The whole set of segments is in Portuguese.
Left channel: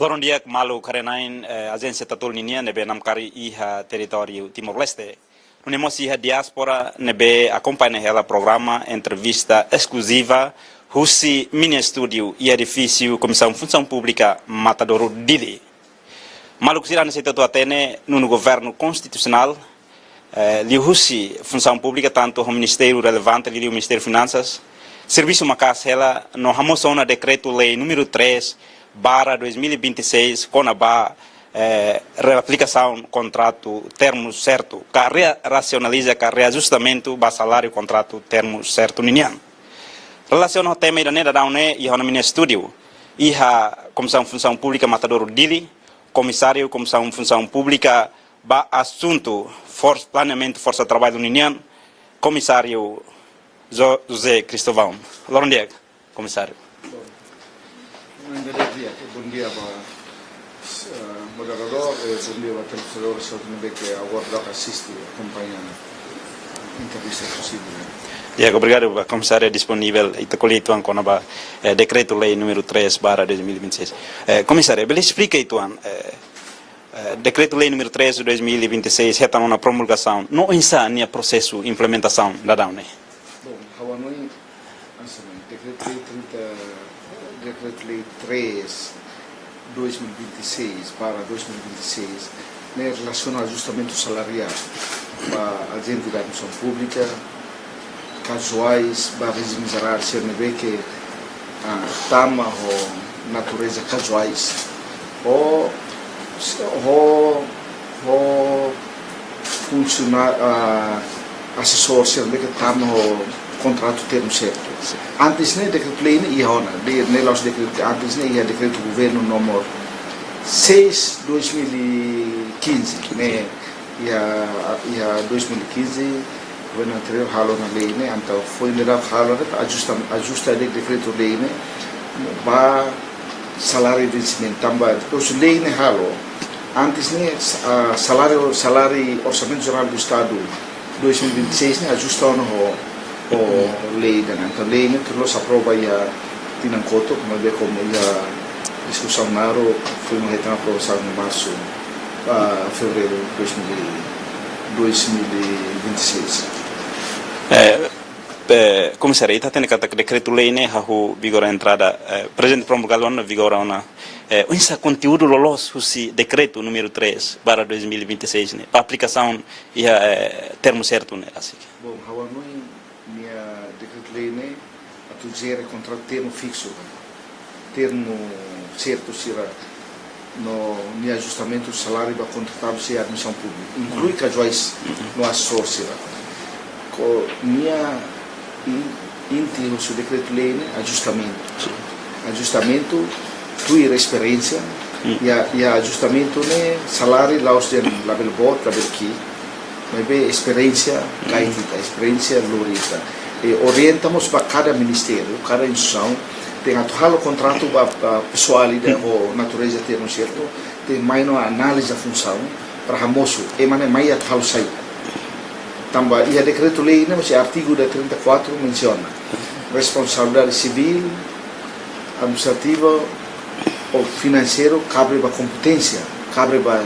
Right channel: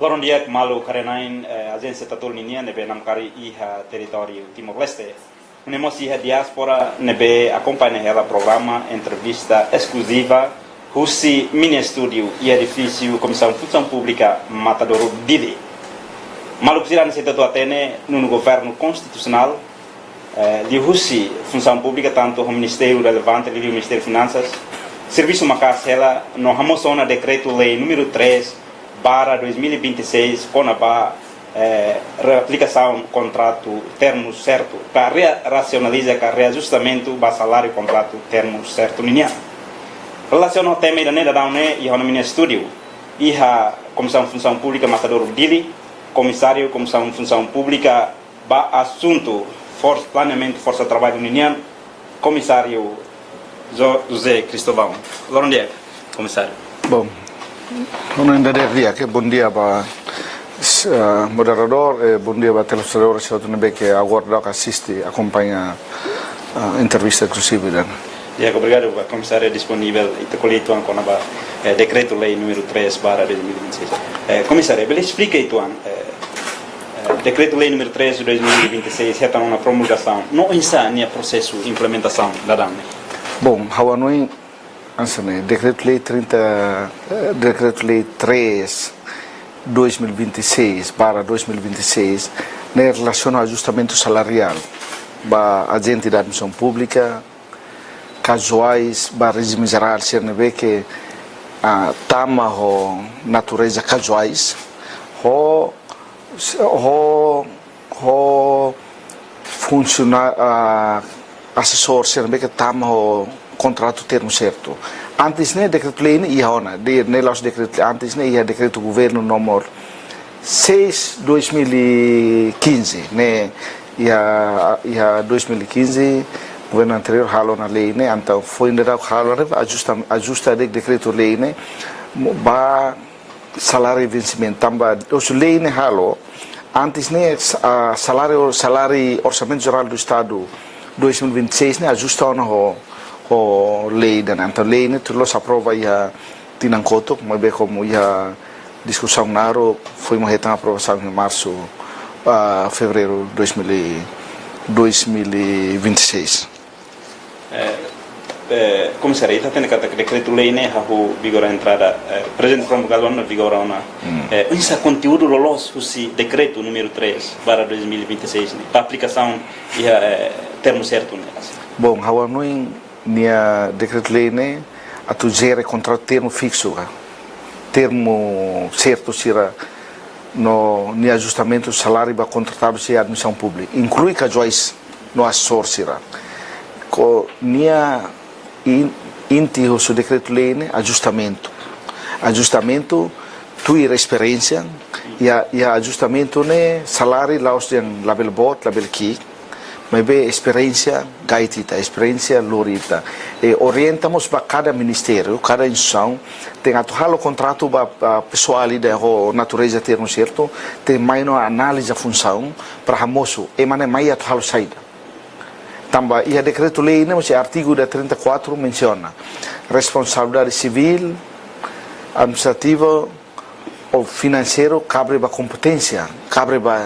Loron dia malu karenain agência tatol ninia nebe namkari iha território Timor-Leste. Unemos iha diaspora nebe acompanha ela programa entrevista exclusiva Russi mini estúdio e edifício Comissão Função Pública Matadouro Dili. Malu kusirani se tato atene no governo constitucional li Russi Função Pública tanto o Ministério relevante li o Ministério Finanças serviço macasela no ramosona decreto lei número 3/2026 com a reaplicação contrato termo certo que racionaliza que reajustamento ba salário contrato termo certo ninha relação ao tema da neda daune e no mini estúdio e a Comissão Função Pública Matadouro Dili comissário Comissão Função Pública ba assunto planeamento força trabalho ninha comissário José Cristóvão. Bom dia, comissário. Bom, bom dia para moderador, bom dia para telespectador que agora assiste, acompanha a entrevista exclusiva. Obrigado, comissário, disponível e colhido com o decreto-lei número 3/2026. Comissário, ele explica isso, decreto-lei número 3/2026 é uma promulgação, não ensina o processo de implementação da DAME. Bom, Hawanui, decreto-lei 3/2026 em relação ao ajustamento salarial da agente da admissão pública, casuais, para regime geral, que a tama a natureza casuais, funcionar assessor que tama o contrato termo certo. Antes ne decreto-lei ia antes ne ia decreto governo número 6/2015, né? Ia 2015 governo anterior halo na lei, né? Então foi ainda halo ajusta decreto-lei, né? Ba salário de vencimento também. Os lei ne halo antes né salário orçamento geral do estado 2026 né ajustou o lei da então lei né tudo se aprova já tinangkoto mas bem como já discussão naro foi uma retão aprovação em março a fevereiro 2026. Comissário, está tendo que decreto-lei né o vigor a entrada presente promulgação na vigor uma esse conteúdo lolos se decreto número 3/2026 né para aplicação e termo certo né bom Hawanui nia decreto-lei né a tu gere contrato termo fixo termo certo será no nia ajustamento salário para contratado se admissão pública inclui casuais no assessor será nia inti o seu decreto-lei né ajustamento tu ir experiência e ajustamento né salário lá os label bot label key mas bem experiência gaitita experiência lorita e orientamos para cada ministério cada instituição tem atual o contrato para pessoal ali da natureza termo certo tem mais uma análise da função para ramoso e mana mais atual sai também e a decreto-lei né o artigo da 34 menciona responsabilidade civil administrativa ou financeiro cabe para competência cabe para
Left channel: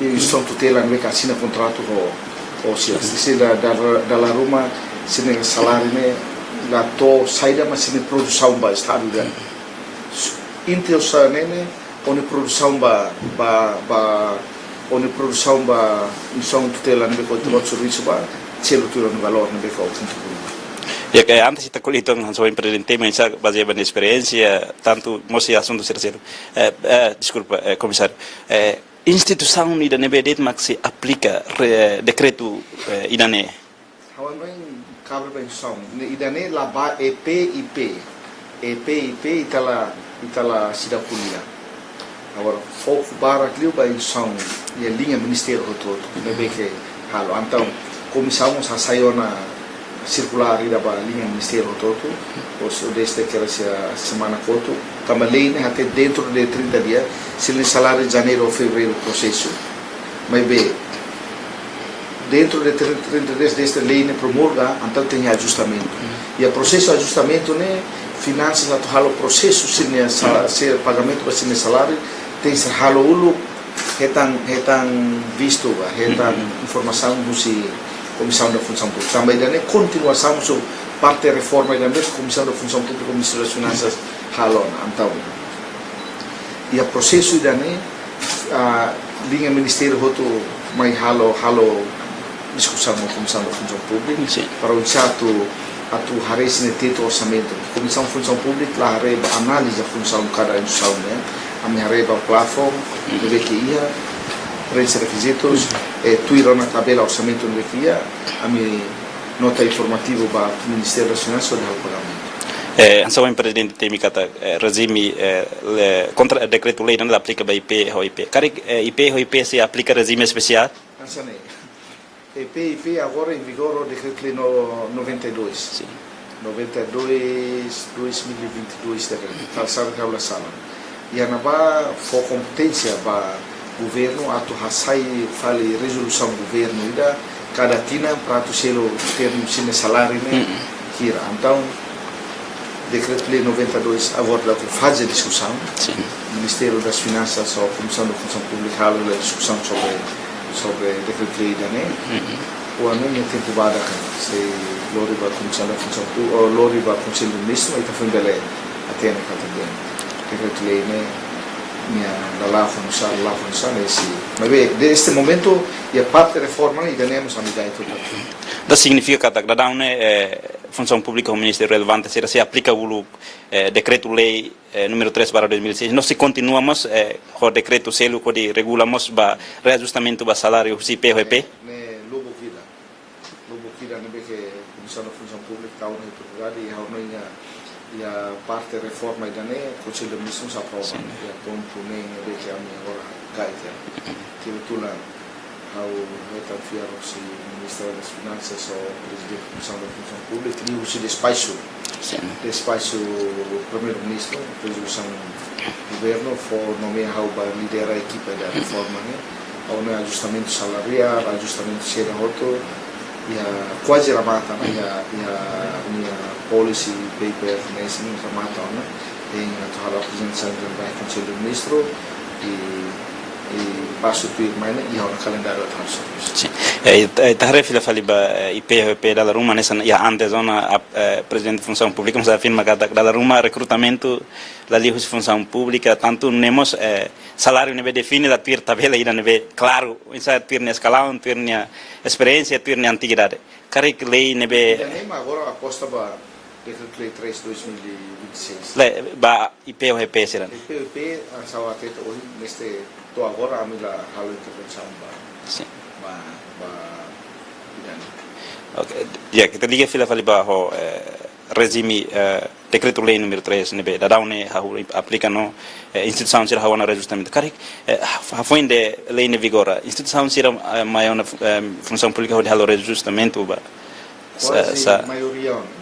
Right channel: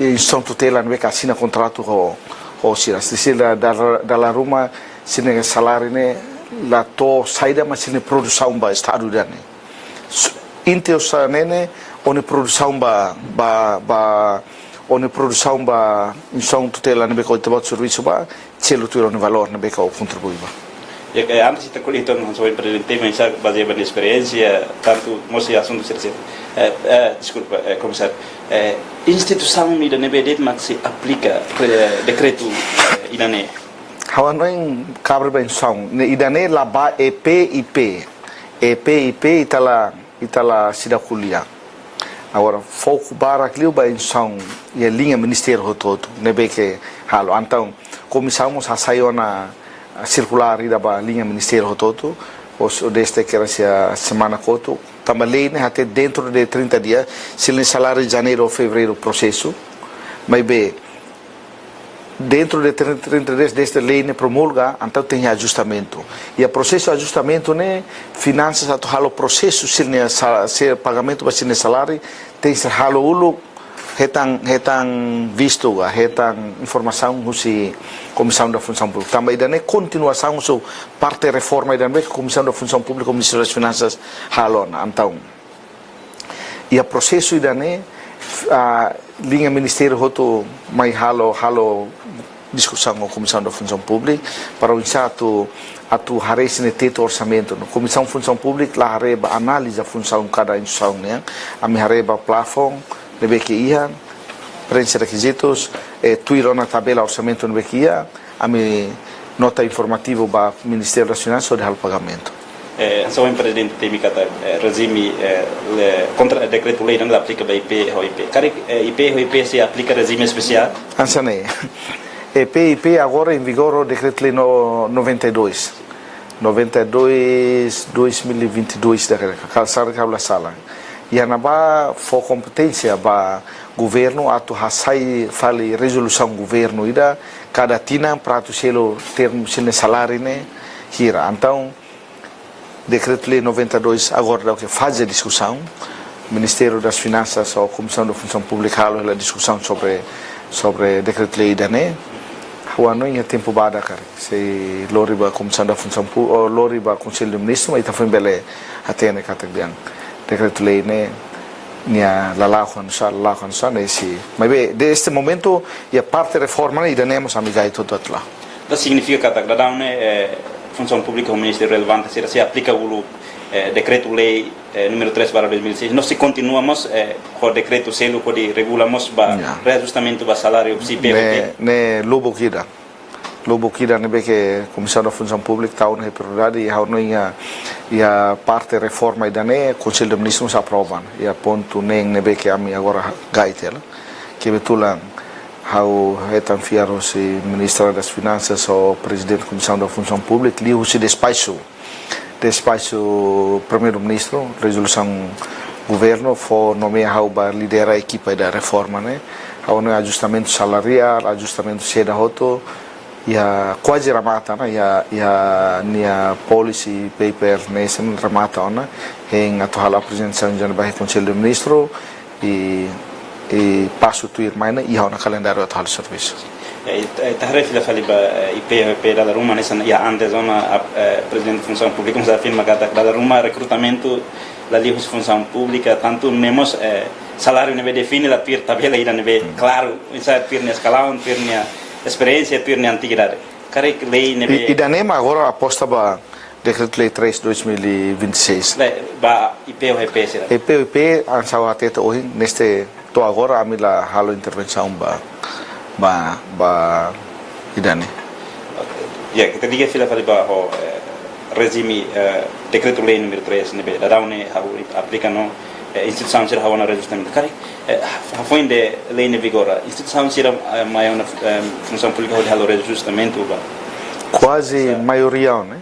instituição tutela não é que assina contrato ou se da Roma se nega salário né lá to saída mas se ne produção ba estado dan intels né onde produção ba instituição tutela não é que o trabalho serviço ba selo tu no valor não é que o contribui e que antes está colhido não só presente mas baseado na experiência tanto moça assunto ser desculpa comissário instituição da NBD mas se aplica decreto idane Hawanui cabre bem são idane lá ba EPIP itala sida kuliah agora foco para aquilo bem são e a linha ministério todo nebe que halo então começamos a sair na circular da linha ministério todo os deste que era a semana foto também até dentro de 30 dias se o salário de janeiro ou fevereiro processo mas bem dentro de 30 dias desta lei promulga então tem ajustamento E o processo de ajustamento, né, finanças atau halo processo se pagamento para sine salário tem se halo ulu hetan visto ga hetan informação musi Comissão da Função Pública. Também daí continuação so parte reforma da Comissão da Função Pública, Ministério das Finanças halo então. E o processo daí a linha Ministério roto mai halo discussão com a Comissão da Função Pública para o exato atu hari sini teto orçamento no Comissão de Função Pública lá hareba análise a função de cada instituição né a me hareba plafon deve que ia preencher requisitos tuir na tabela orçamento deve que ia a me nota informativa para o Ministério das Finanças sobre o pagamento. Então o presidente tem kata regime contra decreto lei não aplica para IP ou IP. Cara IP ou IP se aplica regime especial? Ansane. PIP agora em vigor o decreto lei 92 2022 da calçar a sala e a naba for competência para governo atu hasai fale resolução governo ida cada tina para tu selo termo sine salário né hira então decreto lei 92 agora que faz a discussão Ministério das Finanças ou Comissão da Função Pública a discussão sobre decreto lei da né o ano em tempo bada kan se lori ba Comissão da Função Pública lori ba Conselho de Ministros mas também bele até na categoria decreto lei né nia la função nesse mas bem deste momento e a parte reforma e temos amiga e tudo lá da significa que cada Função Pública o Ministério relevante se aplica o decreto lei número 3/2006 nós se continuamos com o decreto selo que regulamos para reajustamento do salário se PVP ne lobo kira nebe que Comissão da Função Pública está na prioridade e a parte reforma e dane Conselho de Ministros aprova e a ponto nebe que a mim agora gaitel que betulan how hetan fiaro se Ministro das Finanças ou Presidente da Comissão da Função Pública li se despacho Primeiro-Ministro resolução governo for nomear how para liderar a equipe da reforma né how no ajustamento salarial ajustamento seda hoto e a quase ramata né e a nia policy paper nesse ramata né em atual apresentação do Conselho de Ministros e passo tu ir mais e há na calendário atual do serviço. Sim. Tarefa fila fali ba IPVP da Roma nessa ya antes zona presidente de função pública mas afirma que da Roma recrutamento da livre função pública tanto nemos salário neve define da tir tabela ira neve claro insa tir na escalão tir na experiência tir na antiguidade. Care lei neve e da nema agora aposta ba decreto lei 3/2026. Ba IPVP será. IPVP ansau ateta hoje neste to agora a mila halo intervenção ba idane ya kita diga fila fali ba ho regime decreto lei número 3 nebe da daune ha aplica no instituição sira hawana reajustamento kare ha foi de lei ne vigora instituição sira maior na função pública ho halo reajustamento ba quase maioria né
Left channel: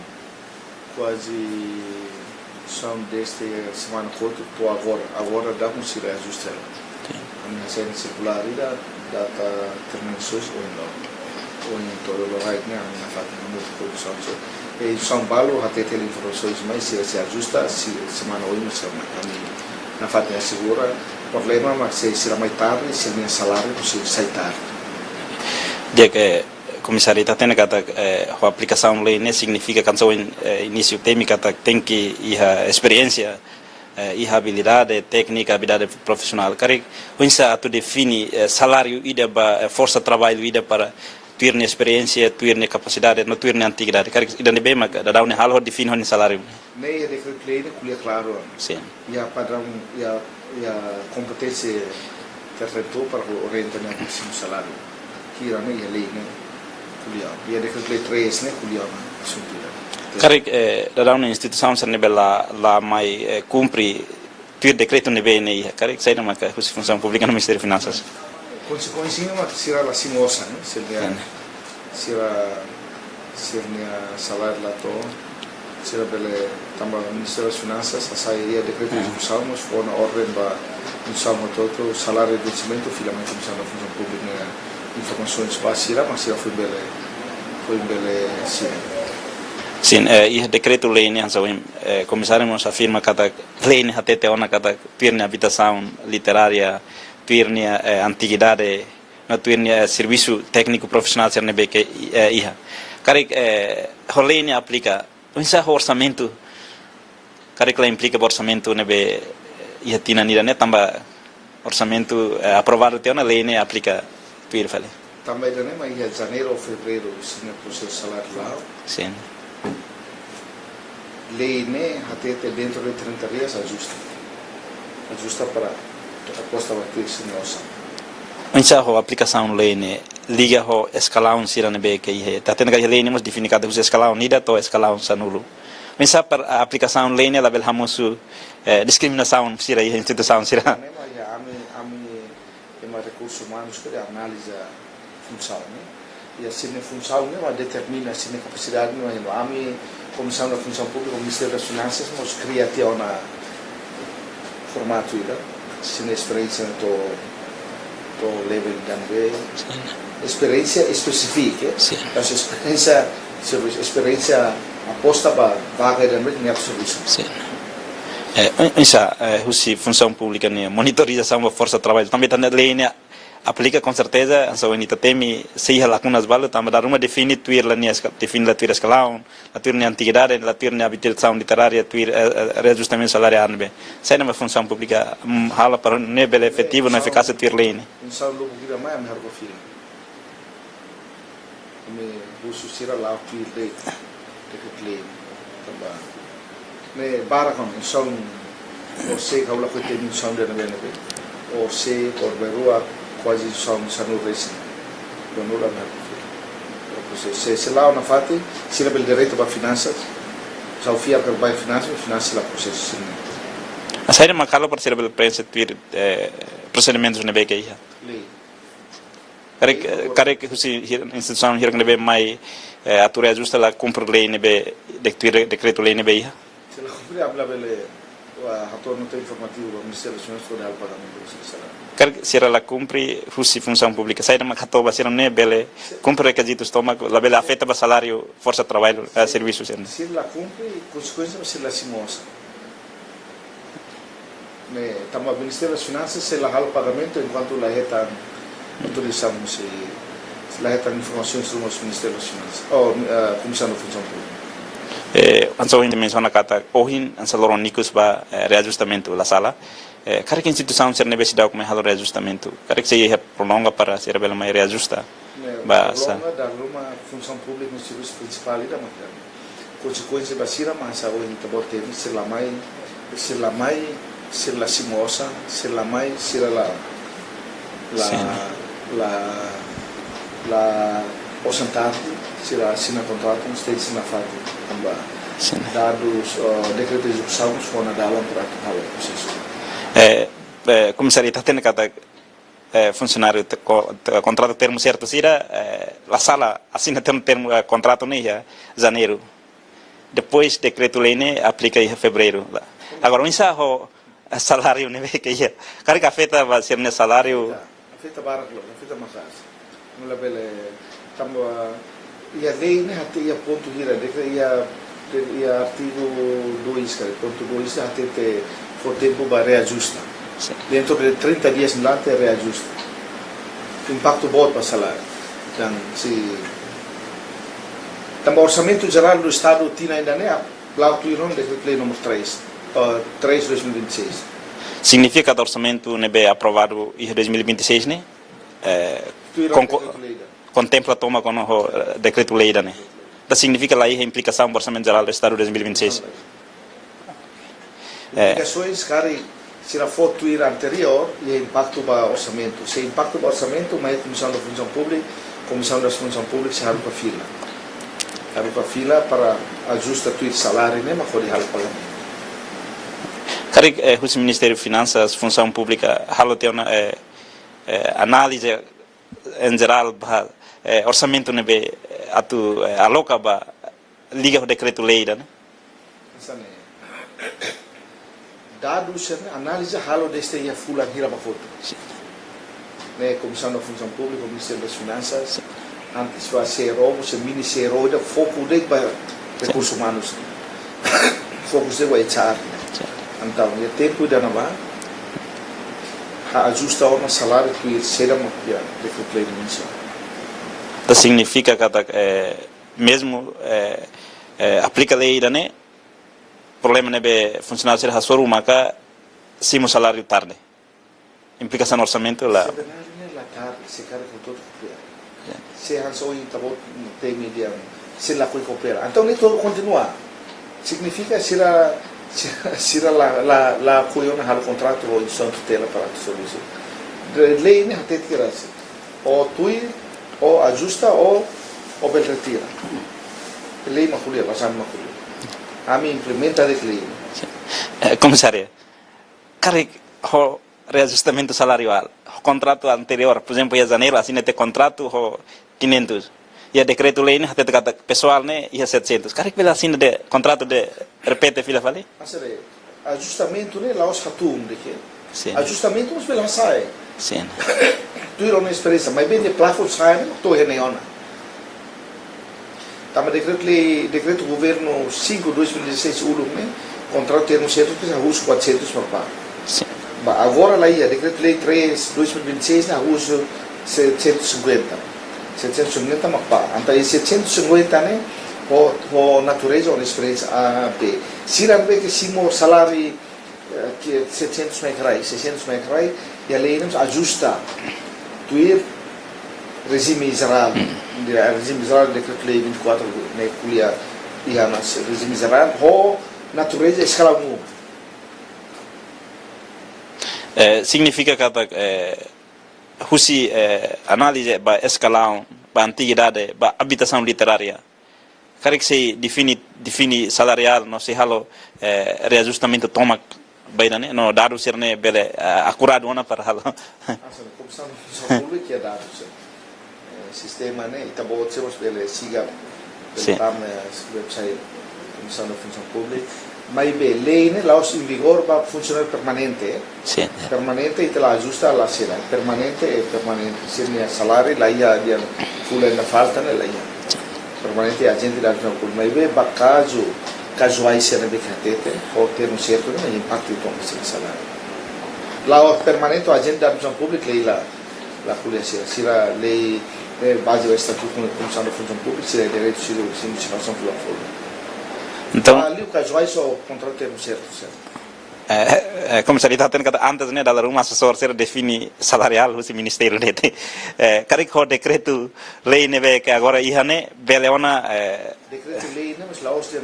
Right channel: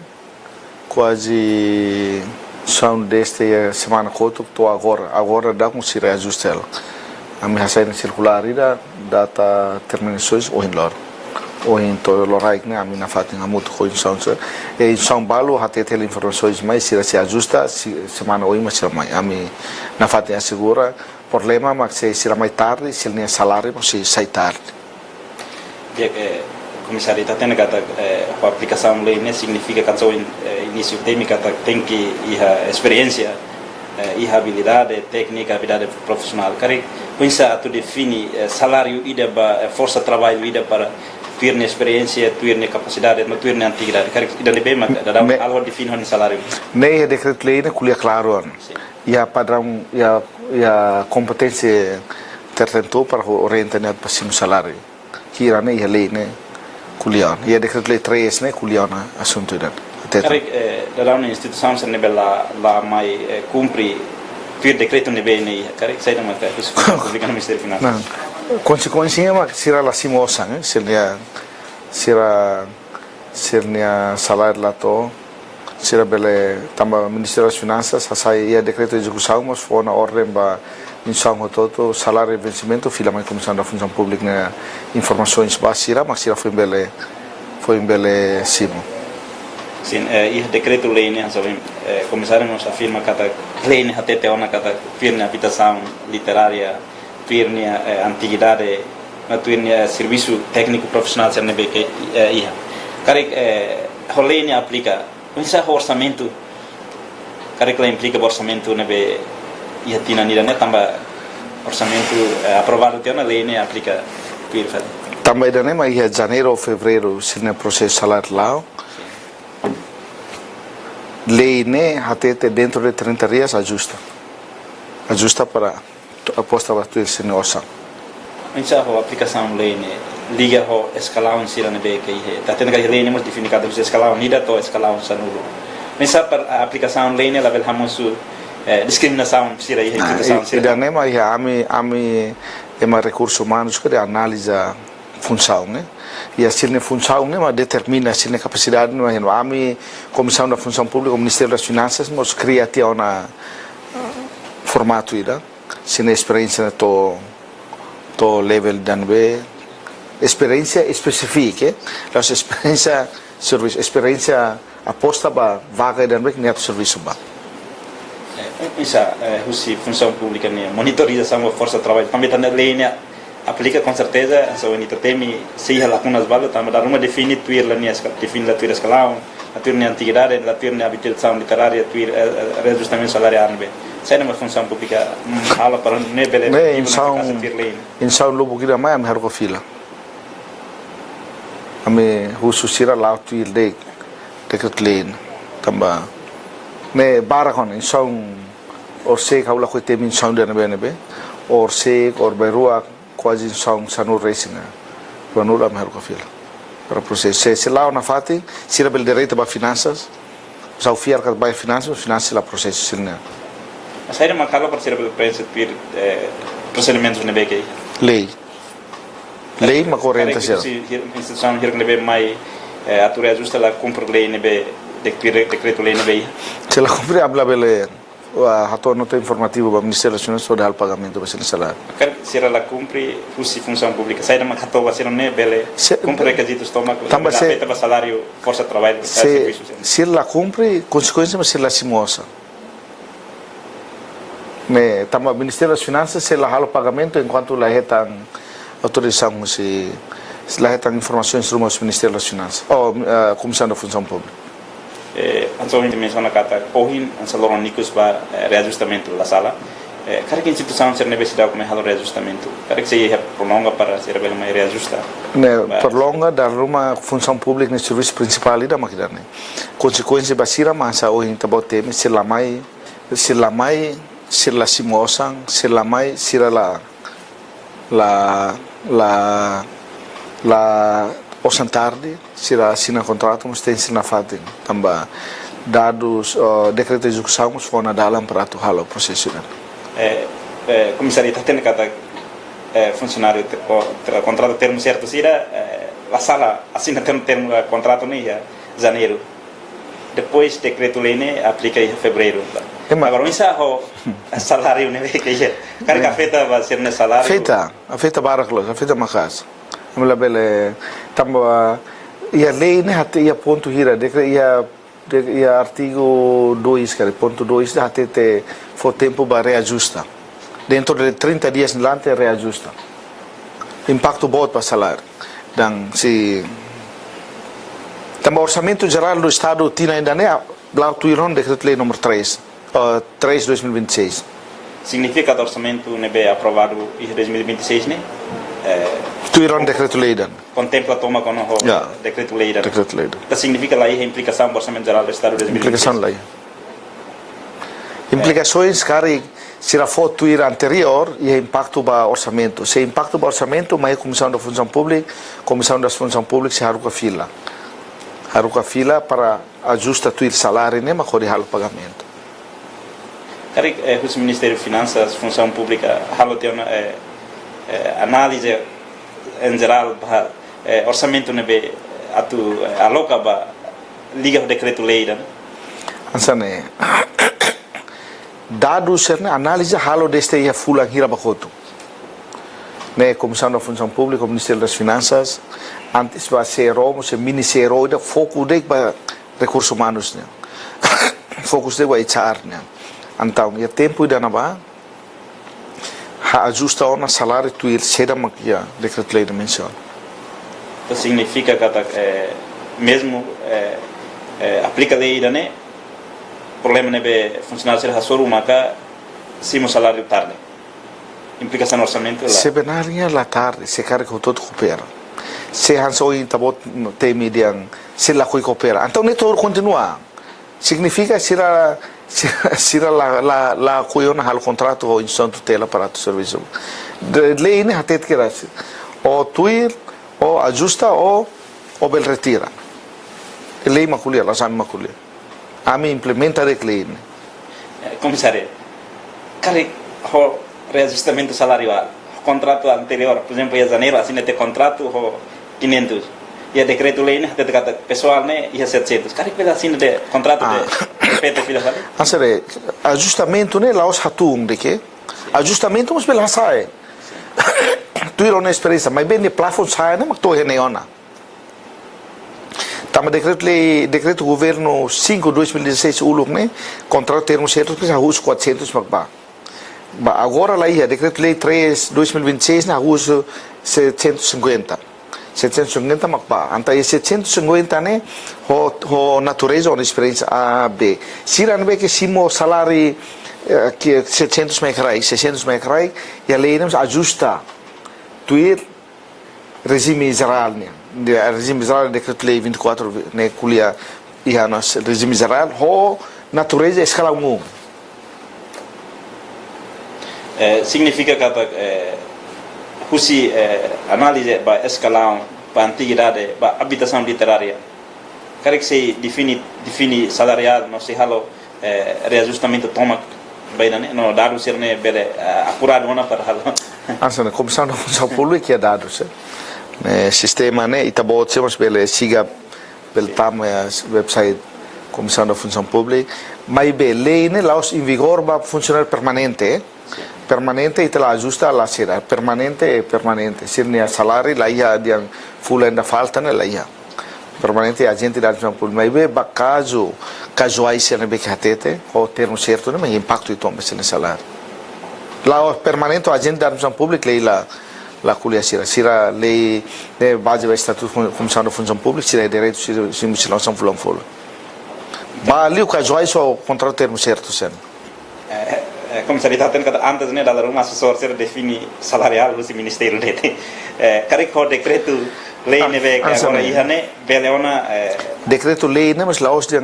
quase são deste semana coto to agora dá com se reajustar a minha saída circular ida data terminações ou em lor ou em todo lorai que a minha fatinha muito coisa em São Paulo até ter informações mais se ajusta semana ou mais mais a mim na fatinha segura problema mas se será mais tarde se nem salário não se sai tarde dia que comissário está tendo que a aplicação lei não significa que só início tem que experiência e habilidade técnica, habilidade profissional. Cara, pensa tu define salário ida para força de trabalho ida para ter experiência, ter capacidade, não ter antiguidade. Cara, ida ne bem mas da um hal define o salário. Nem é decreto lei na culia claro. Sim. E a padrão e a competência tertentu para orientar ne para sim salário. Kira ne a lei ne culia. E a decreto lei 3 ne culia na assunto ida. Cara, da uma instituição se ne bela lá mai cumpre per decreto ne bem cara, sai da marca isso pública no Ministério de Finanças. Consequência é que será lá simosa, né? Será salário lá to será bele também Ministério das Finanças sai a decreto de execução mas foi na ordem para insamo todo salário de vencimento fila mais Comissão da Função Pública né informações básicas mas será foi bele simo Sim, e decreto-lei, né, começaremos a afirma cada lei, né, até teona cada pirne habitação literária, pirne antiguidade, na pirne serviço técnico profissional, se não é que ia. Cara, a lei né aplica, pensa orçamento, cara que implica orçamento, né, be ia tina nira né, também orçamento aprovado teona lei né aplica pirne. Também da né, mas em janeiro ou fevereiro se não processo salário lá. Sim. Lei né até dentro de 30 dias ajusta para aposta para tu esse orçamento. Mensa a aplicação lei né liga ho escalão sira ne be que é tá tendo que lei né mas define cada vez escalão nida to escalão sanulo. Mensa para a aplicação lei né level hamosu discriminação sira e instituição sira. Da né mas ami é mais recursos humanos que analisa função né. E a sirne função né mas determina a sirne capacidade não é ami comissão da função pública o Ministério das Finanças mas cria até uma formato ira sirne experiência to level dan be experiência específica então experiência aposta para vaga dan be nem serviço ba essa função pública né monitorização da força de trabalho também tá na lei né aplica com certeza então ele tem se lacunas balas também dá uma define tuir la nias define la tuir escalão a tuir na antiguidade la tuir na habitação literária tuir reajustamento salarial bem sai uma função pública hala para nível efetivo na eficácia tuir lei insau lobo kira mai am harko fila ame hususira la tuir de decret lei tamba ne barakon insau or se kaula ko tem insau de nebe or se or berua quase são sanur racing panura am harko fila para processo se lá na fati sira bel direito para finanças sa ofiar que vai finanças la processo sinna a saída macala para ser bel princípio procedimentos na BK lei ma corrente se instituição hier nebe mai atura justa la cumpre lei nebe decreto lei nebe se la cumpre habla bele hato nota informativo para Ministério das Finanças sobre o pagamento para salário. Será la cumpre função pública. Sai da hato vai ser né bele cumpre requisitos toma la bela afeta para salário força de trabalho serviços. Se la cumpre consequência mas se la simosa. Me tama Ministério das Finanças se la halo pagamento enquanto la retan autorizamos se la retan informações sobre o Ministério das Finanças ou Comissão da Função Pública. Então a gente menciona kata pohin ansaloron nikus ba reajustamento la sala cara que instituição ser universidade como halo reajustamento cara que se prolonga para ser bem mais reajusta né prolonga da uma função pública no serviço principal da máquina né consequência basira massa o hinta bote se la mai se la simosa se la mai sira la osantardi sira assina contrato mas tem sina fati tamba dados decreto de execução os fona dalam para tu halo processo comissário tá tendo cada funcionário contrato termo certo sira a sala assina termo contrato né janeiro depois decreto lei né aplica em fevereiro agora o salário né que cara que afeta vai ser no salário afeta baraklos afeta macas amla bele tamba ia lei né até ia ponto hira ia artigo 2 cara ponto 2 até for tempo para reajusta dentro de 30 dias delante reajusta impacto bom para salário dan se tamba orçamento geral do estado tinha ainda né blau tuiron decreto lei número 3/2026 significa que o orçamento nebe aprovado em 2026 né tuiron decreto lei dan contempla toma com o decreto lei dan decreto lei dan significa lá a implicação do orçamento geral do estado de 2026 implicação lá implicações cara se a foto ir anterior e impacto para orçamento se impacto para orçamento mas comissão da função pública se haruka fila para ajusta tuir salário nem mas halo pagamento cara o Ministério de Finanças função pública halo tem uma análise em geral orçamento nebe atu aloca ba liga decreto lei dan ansane dados né análise halo deste ia fula hira bakoto né comissão da função pública o Ministério das Finanças antes vai ser o ministério da foco de recursos humanos né fokus de HR né então e tempo ida na ba ha ajusta o salário tu ir será makia decreto lei menção. Então significa que mesmo aplica lei né problema nebe funcionário ser hasor maka simo salário tarde implicação no orçamento lá sebenarnya la tarde se carga todo coopera se hansoi tabot te median se la coi coopera então nem todo continua significa sira la coiona hal contrato o instante tutela para tu serviço de lei ne hatet que o tuir o ajusta o bel retira lei maculia la san maculia a mi implementa de lei comissário cara o reajustamento salarial o contrato anterior por exemplo em janeiro assim tem contrato o 500 e a decreto lei né até pessoal né e a 700 cara pela assim de contrato de repete fila fala ansere ajustamento né laos hatum de que ajustamento mas pela sai sim tu ir na experiência mas bem de plafond sai né mas tu reneona tama decreto governo 5/2016 uluk né contrato termo certo precisa uso 400 magba sim agora lá ia decreto lei 3/2026 na uso 750 magba então esse 750 né o natureza ou experiência A B se não vê que simo salário que 700 mecrai 600 mecrai e a lei não ajusta tu ir regime geral regime geral decreto lei 24 né culia e a regime geral o natureza escala umum significa que husi análise para escalão para antiguidade para habitação literária cara que se define salarial não se halo reajustamento toma vai não dado ser né bele acurado na para halo ansana comissão da função pública que é dado se sistema né itabot se mas bele siga bele pam website comissão da função pública mas lei né lá em vigor vai funcionar permanente sim permanente e ela ajusta lá será permanente se né salário lá ia de full na falta né lá ia permanente a gente da função pública mas caso se não que hatete o termo certo né mas impacto então mas no salário lá permanente a gente da função pública lá culia sira lei base do estatuto comissão da função pública sira direito se não são fulano então ali o caso só contra o termo certo sendo como se está tendo antes né da uma assessor ser define salarial no ministério né cara que o decreto lei né que agora ia né beleona decreto lei né mas lá os de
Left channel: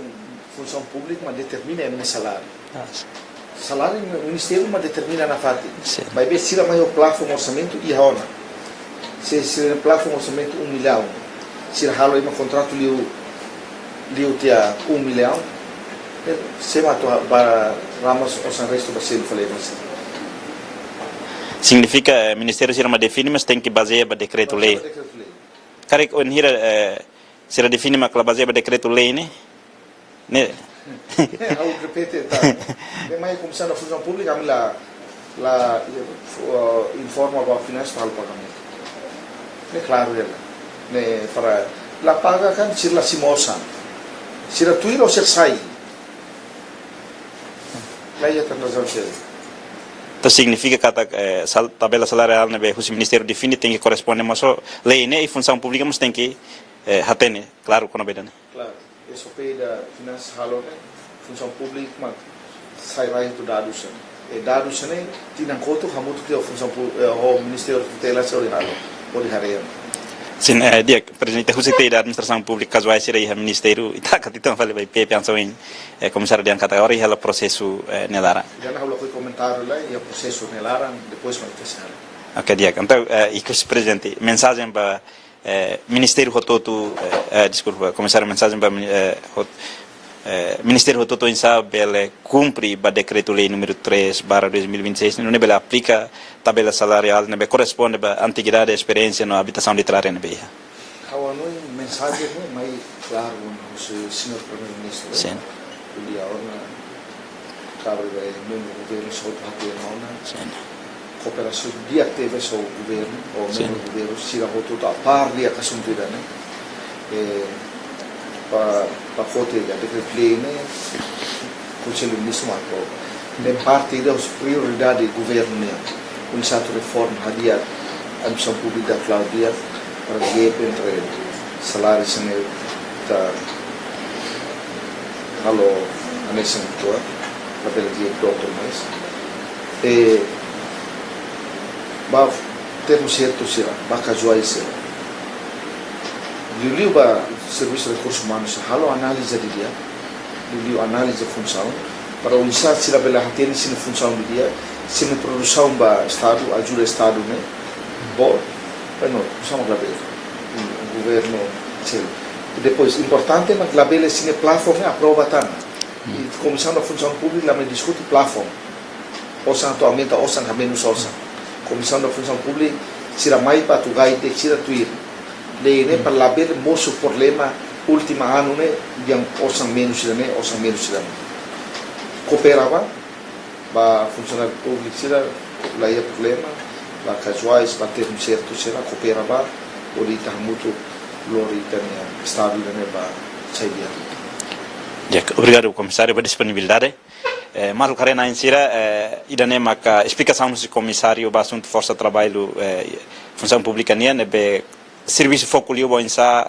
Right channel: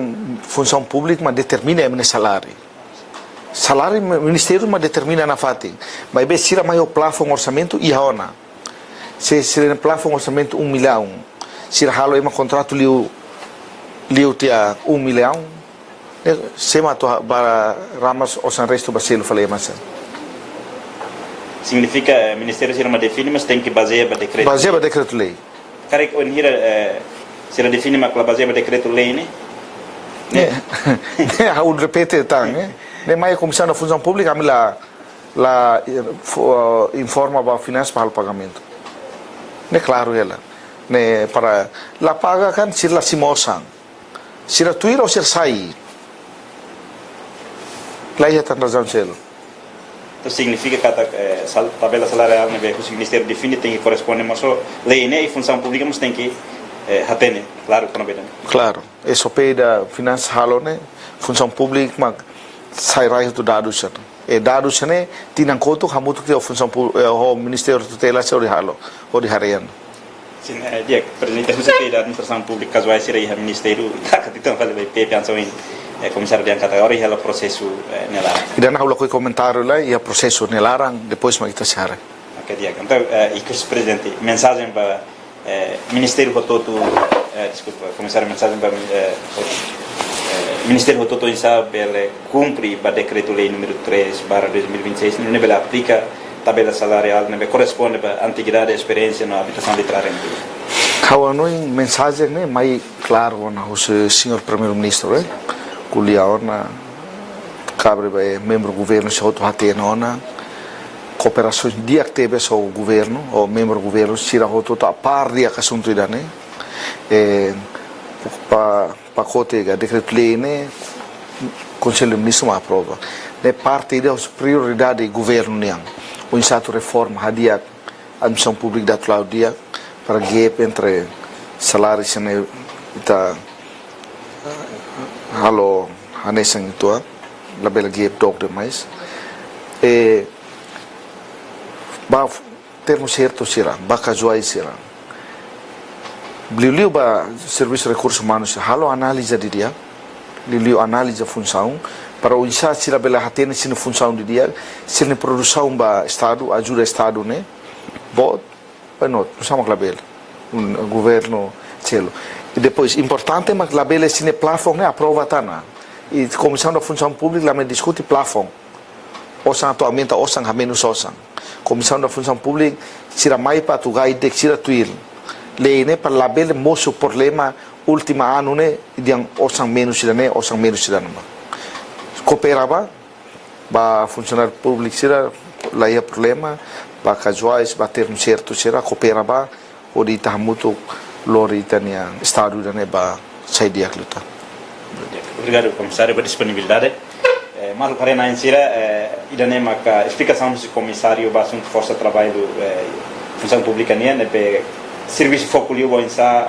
função pública mas determina o salário salário ministério mas determina na fati mas bem se mais o plafond orçamento e ona se o plafond orçamento 1 milhão se halo uma contrato liu tia 1 milhão sema to para ramas o san resto basil falei mas significa ministério ser uma define mas tem que basear para decreto lei cara que onde se ela define mas baseia para decreto lei né o repete tá né mais comissão da função pública lá informa para finanças para o pagamento né claro ela né para lá paga kan sila simosan sila tuir ou ser sai lá ia tá razão selo então significa que a tabela salarial né o ministério define tem que corresponder mas lei né e função pública mas tem que hatene claro que não bem claro isso peda finanças halo né função pública mas sai raio do dados dados né tinang conta hamuto que a função o ministério tutela sobre halo ou de harian sim dia presidente você tem da administração pública caso vai ser aí o ministério tá que então falei bem pensou em comissário de categoria e o processo nelara e dan haulo comentário lá e o processo nelara depois mais está sara ok dia então e que o presidente mensagem para ministério rototo desculpa comissário mensagem para ministério rototo em sabe ele cumpre para decreto lei número 3/2026 não ele aplica tabela salarial não corresponde para antiguidade e experiência na habitação literária no país kawan mensagem né mais claro na o senhor primeiro ministro né kuliah na cabre membro governo se auto hate nona cooperação dia teve só o governo ou membro governo sira auto a par dia assunto ida né pacote da decreto-lei, né, o Conselho de Ministros aprova. É parte das prioridades do governo, né, o insato reforma hadia a administração pública da Claudia para gap entre salários e halo hanesan tua la bela gap dog demais e ba termo certo será ba casual será Liu ba serviço de recursos humanos halo análise de dia Liu análise da função para o insato será bela hatene sina função de dia sina produção ba estado ajuda estado né bom não usamos la bela governo celo e depois importante mas la bela sina plafond né aprova tá e comissão da função pública lá me discute plafond osan atualmente osan menos osan comissão da função pública será mais para tu gai de será tuir lei né para la bela moço problema última ano né yang osan menos será né osan menos será não cooperava ba funcionário público será lá é problema ba casuais ba ter certo será cooperava ou de tá muito lori tania estado né ba sai dia luta. Obrigado, comissário, pela disponibilidade. Mas karena insira idane maka explicação do comissário para assunto força trabalho função pública né serviço foco liu insa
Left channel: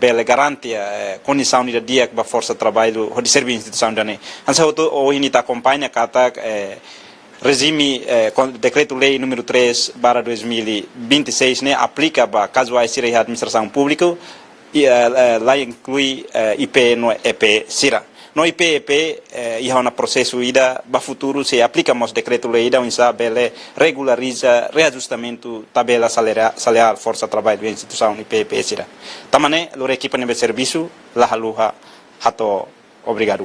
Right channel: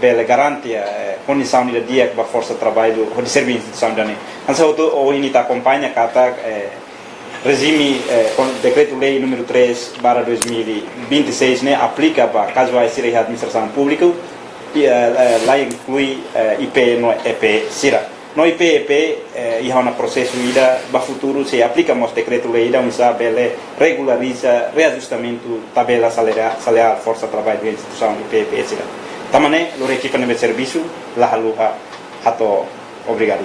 bela garantia condição de dia para força trabalho ou de serviço instituição dane. Ansa o ini ta acompanha kata regime decreto-lei número 3 para 2026 né aplica para casuais de administração pública e lá inclui IP no EP Sira. No IP e há um processo ida para futuro se aplica mas decreto-lei da bele regulariza reajustamento tabela salarial força trabalho da instituição IP Sira. Tamane lore equipa de serviço lá haluha hato obrigado.